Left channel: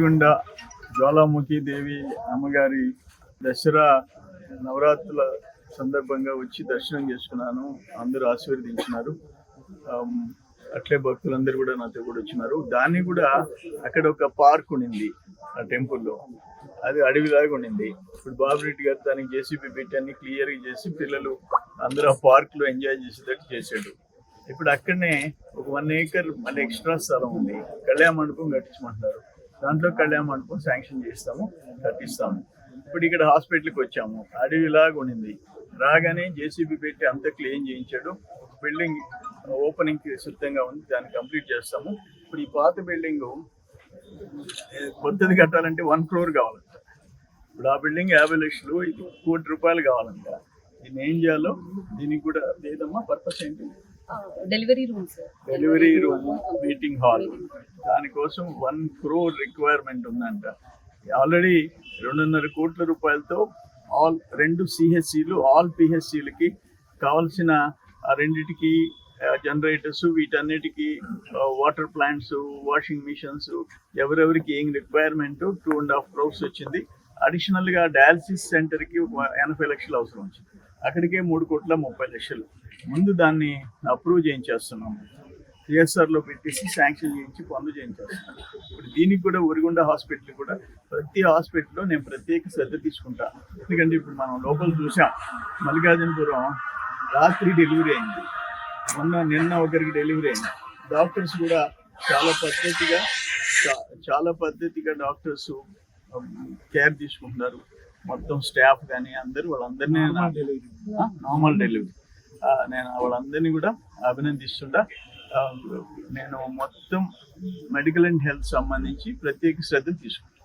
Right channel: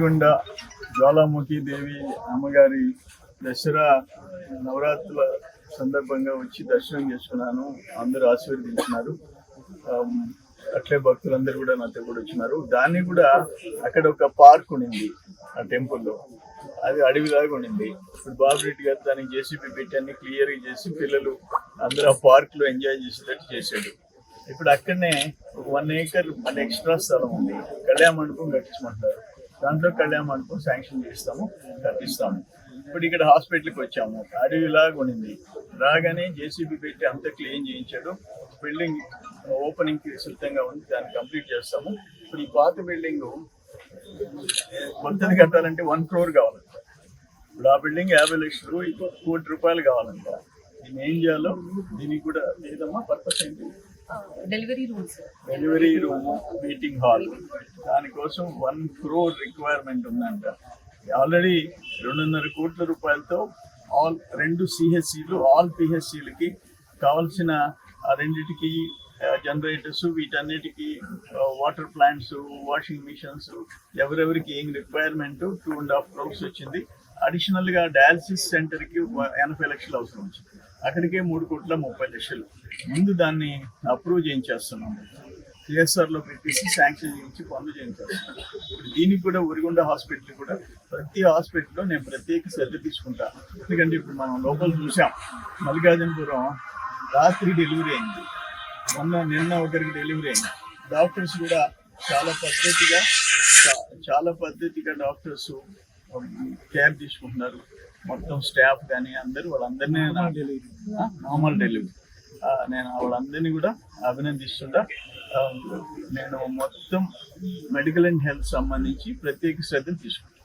ఒరిగొండ జ్వాలాముఖి దేవి అమ్మగారి దసరా నవరాత్రుల సందర్భంగా వచ్చి దర్శనం చేసుకున్నాను. అందరూ ఆశీర్వదించినారు. అట్లే భక్తులందరూ కూడా నాతో కూడా వచ్చినారు. దాన్ని కూడా అక్కడ ఒక పార్క్ ఉండింది ఆ టెంపుల్లో, అది అడవిలాగా ఉండింది. ఇప్పుడు బాబురెడ్డి గారు దానికి జేసీబీ పెట్టి అన్ని క్లియర్గా చేసి పిల్లలు అందరూ ఆ పార్క్లో ఎంజాయ్ చేసేటట్టు చేశాడు. ఇప్పుడు అక్కడనే ఒక 1 acre మళ్ళీ ఎక్స్ట్రా స్థలం ఉంది, కళ్యాణ మండపం కట్టించమంటున్నారు. దాంట్లో కళ్యాణ మండపం శాంక్షన్ చేస్తాము, కట్టిస్తాము. ఇప్పుడు ఇక్కడ హాస్పిటల్కి వచ్చాము, అడవిలాగా ఉండింది. రాగానే జేసీబీ పెట్టి అంతా క్లీన్ చేయించాడు. బిల్డింగ్ ఓపెనింగ్కి సిద్ధంగా ఉంది, దాన్ని కంప్లీట్ చేస్తాము. ఇప్పుడు ఈ పాత బిల్డింగ్ కొత్తది కట్టాలంటే 1 crore కావాలంట. ఇప్పుడు ఆ బిల్డింగ్ 50 లక్షలు, 1 కోటి రూపాయలు కావాలంట. దీన్ని ఏం చేయాలో దీనికి కూడా లేదమ్మా. పర్పస్ ఏంటి? Delivery room, meeting hall. దానికోసం 1 crore రిక్వైర్మెంట్ ఉందంట. ఆల్రెడీ 2.5 కోట్ల రూపాయలతో ఆల్ 2 CHCలు, ఆల్ PHCలకి కావాల్సిన ఆ రెండిటికి జనరేటర్స్, వీటన్నిటికీ వాటర్ ప్లాంట్స్, వాషింగ్ మిషన్స్, ఎవరెవరికి ఏం రిక్వైర్మెంట్ 2.5 crores వచ్చింది. అడిషనల్గా డయాలసిస్ సెంటర్కి 80 లక్షలు అవసరం వచ్చింది. అక్కడికే 3,30,00,000. ముందు దాన్ని అప్రూవ్ చేయించేస్తున్నాము, CSRలో పెట్టేసి శాంక్షన్ చేయించి పనులు చేయించేస్తున్నాం. ఇప్పుడు దీనికి కూడా ఒరిగొండ హాస్పిటల్ కూడా ప్రతి హాస్పిటల్లో నేను ప్రత్యేక శ్రద్ధ తీసుకుంటా. ఎందుకంటే ఇప్పుడు మనం లోపల చూసాం, మల్లికార్జునపురం రాత్రి డెలివరీ అయింది, నిన్న ఒకరికి డెలివరీ అయింది. డాక్టర్స్ కూడా చాలా పద్ధతిగా డాక్టర్స్ కేర్ తీసుకుంటున్నారు. మొత్తం స్టాఫ్ కానీ అందరూ వాళ్ళందరినీ నార్మల్ డెలివరీ నేను వాళ్ళందరినీ కూడా అభినందిస్తుంటా. నేను మొత్తం మెడికల్ అండ్ హెల్త్ సంబంధించి ప్రత్యేక శ్రద్ధ తీసుకుంటాను.